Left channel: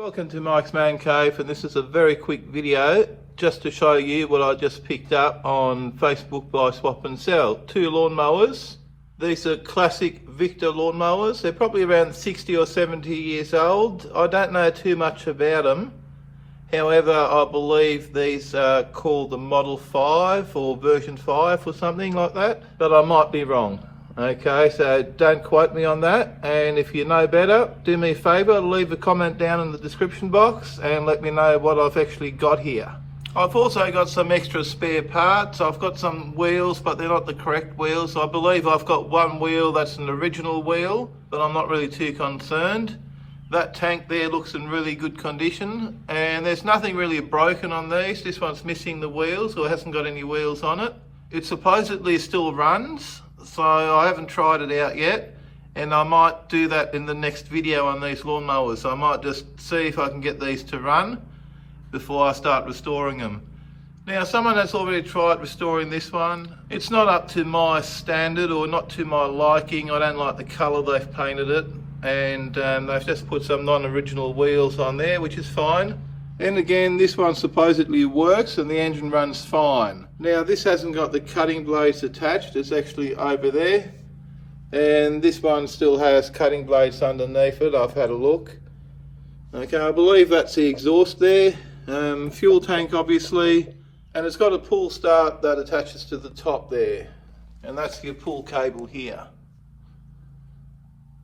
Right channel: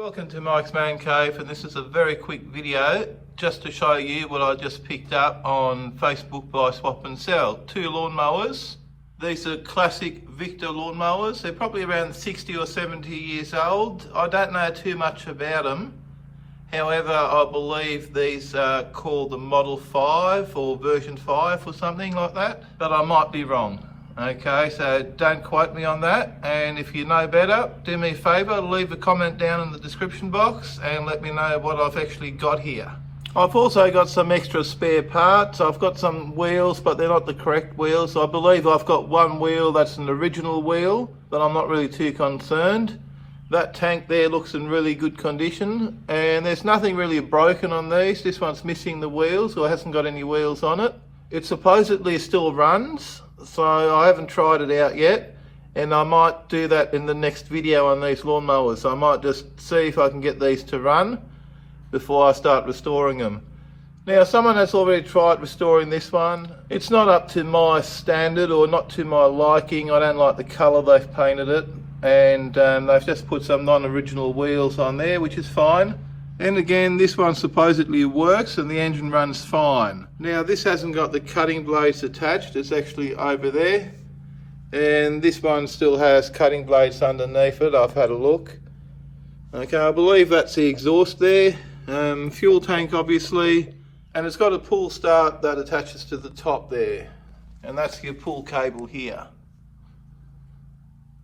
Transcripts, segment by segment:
Welcome to Mike's Man Cave, and this is a very quick video just to show you what I just picked up on Facebook by Swap and Sell. Two lawnmowers. These are classic Victa lawnmowers. They're probably around 60 or 70 years old. I don't know too much about them. However, I believe these are called the Model 5 or version 5 or something like that, but I might be wrong. Okay, so don't quote me on that, and if you know better, do me a favour, leave a comment down in the description box and let me know what I've actually got here. I've also got some extra spare parts. I've got some wheels, but they're not the correct wheels. I believe I've got one wheel that's an original wheel, but I'm not really too concerned. That tank there looks in really good condition, and there's nothing really broken on these. This one's missing the wheels, or hasn't got any wheels on it. It supposedly still runs, so I haven't tried it out yet, and I might do that in the next video on these lawnmowers. I might just see if I can get these to run before I start restoring them. Now, someone has already tried restoring this one. It's not up to my standard or not to my liking. I don't like the colour they've painted it, and they've just put some non-original wheels on there, which is fine. And again, this one supposedly works and the engine runs fine. Now, this hasn't got the cutting blades attached, it's actually over there. And this one still has cutting blades underneath it, I've had a look. Okay, I believe that's the exhaust there. Fuel tank obviously. And it's got a pull start that attaches to the top there. And that's your pull cable here.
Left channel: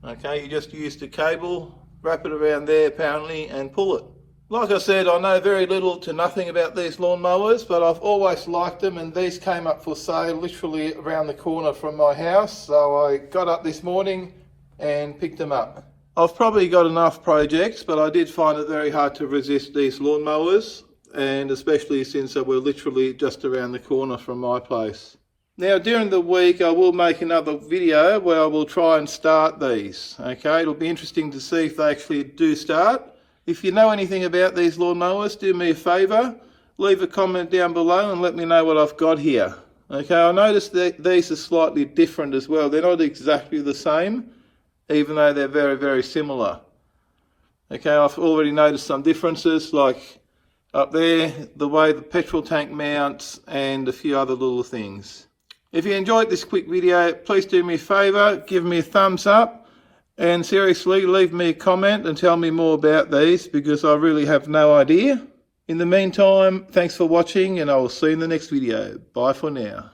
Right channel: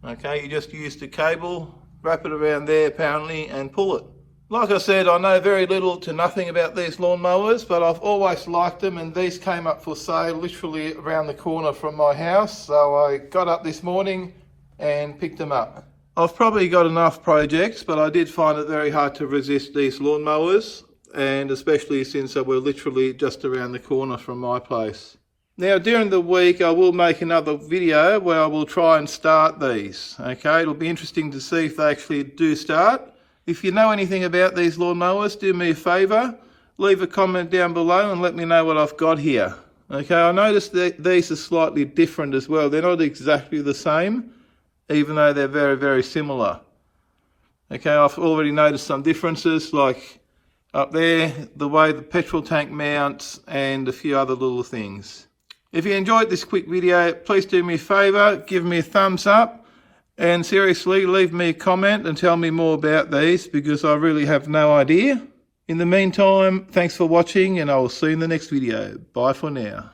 Okay, you just use the cable, wrap it around there apparently, and pull it. Like I said, I know very little to nothing about these lawnmowers, but I've always liked them, and these came up for sale literally around the corner from my house. So I got up this morning and picked them up. I've probably got enough projects, but I did find it very hard to resist these lawnmowers, and especially since they were literally just around the corner from my place. Now, during the week, I will make another video where I will try and start these. Okay, it'll be interesting to see if they actually do start. If you know anything about these lawnmowers, do me a favour, leave a comment down below and let me know what I've got here. Okay, I noticed that these are slightly different as well. They're not exactly the same, even though they're very, very similar. Okay, I've already noticed some differences, like up there, the way the petrol tank mounts, and a few other little things. If you enjoyed this quick video, please do me a favour, give me a thumbs up. And seriously, leave me a comment and tell me more about these, because I really have no idea. In the meantime, thanks for watching, and I will see you in the next video. Bye for now.